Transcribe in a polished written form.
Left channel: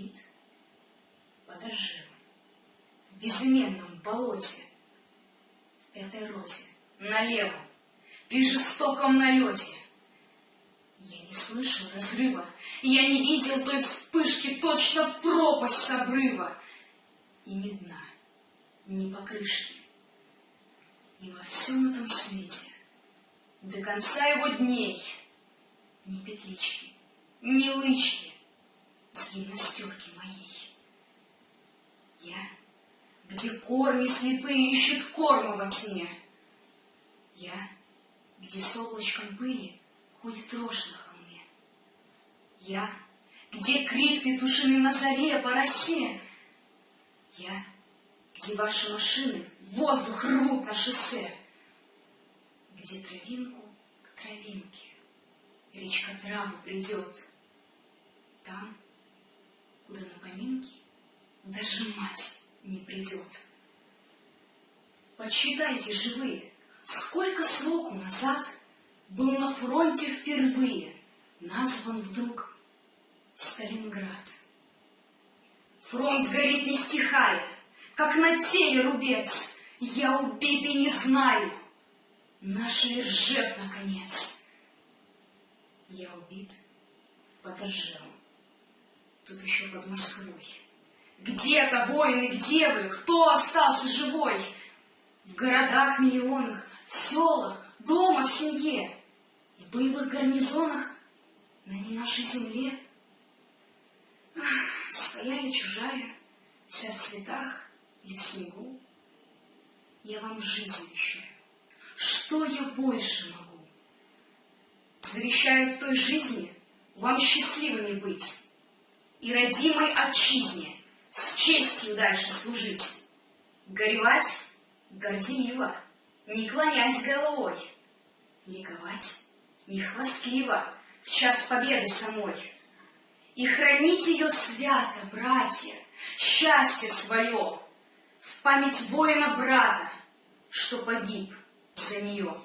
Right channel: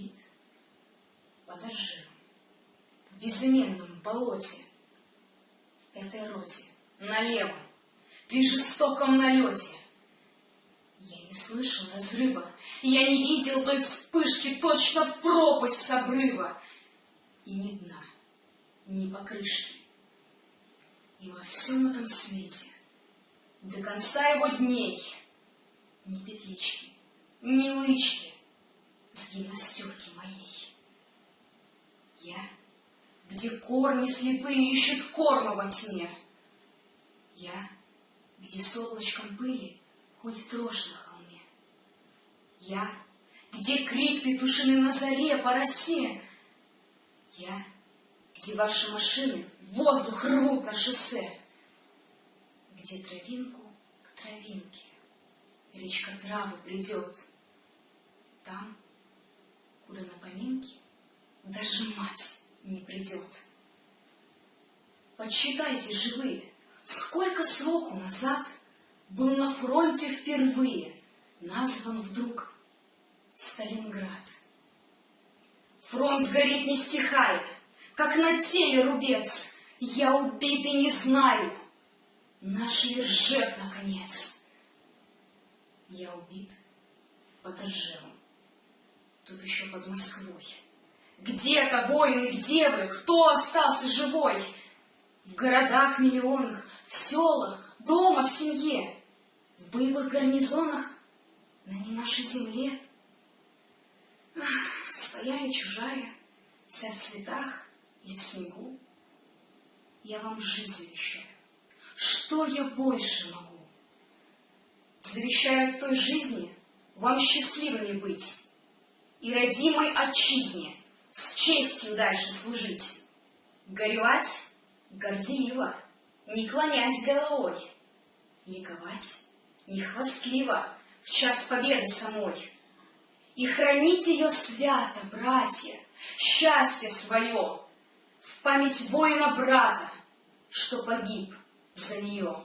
убит подожжем в безыменном болоте, в этой роте, налево, при жестоком налете. Я не слышал разрыва, я не видел той вспышки точно в пропасть с обрыва. И ни дна, ни покрышки. И во всем этом свете до конца его дней ни петлички, ни лычки с гимнастерки моей. Я, где корни слепые ищут корма во тьме. Я, где с облачком пыли ходит рожь на холме. Я, где крик петушиный на заре по росе. Я, где ваши машины воздух рвут на шоссе. Где травинку к травинке речка травы придет. Там, куда на поминки даже мать не придет. Подсчитайте, живые, сколько сроку назад был на фронте впервые назван вдруг Сталинград. Фронт горит не стихая, как на теле рубец. Я убит и не знаю, наш ли Ржев наконец. Я убит под Ржевом, тут еще под Москвой. Где-то воины, где вы, кто остался живой? В городах миллионах, в селах, дома, в семье, в боевых гарнизонах на не нашей земле. Своя я чужая, вся в цветах и в снегу. Я вам жить завещаю. Что я больше могу? Завещаю в той жизни вам счастливыми быть и родимой отчизне с честью дальше служить. Горевать горделиво, не клонясь головой, ликовать не хвастливо в час победы самой. И хранить ее свято, братья, счастье свое в память воина-брата, что погиб за нее.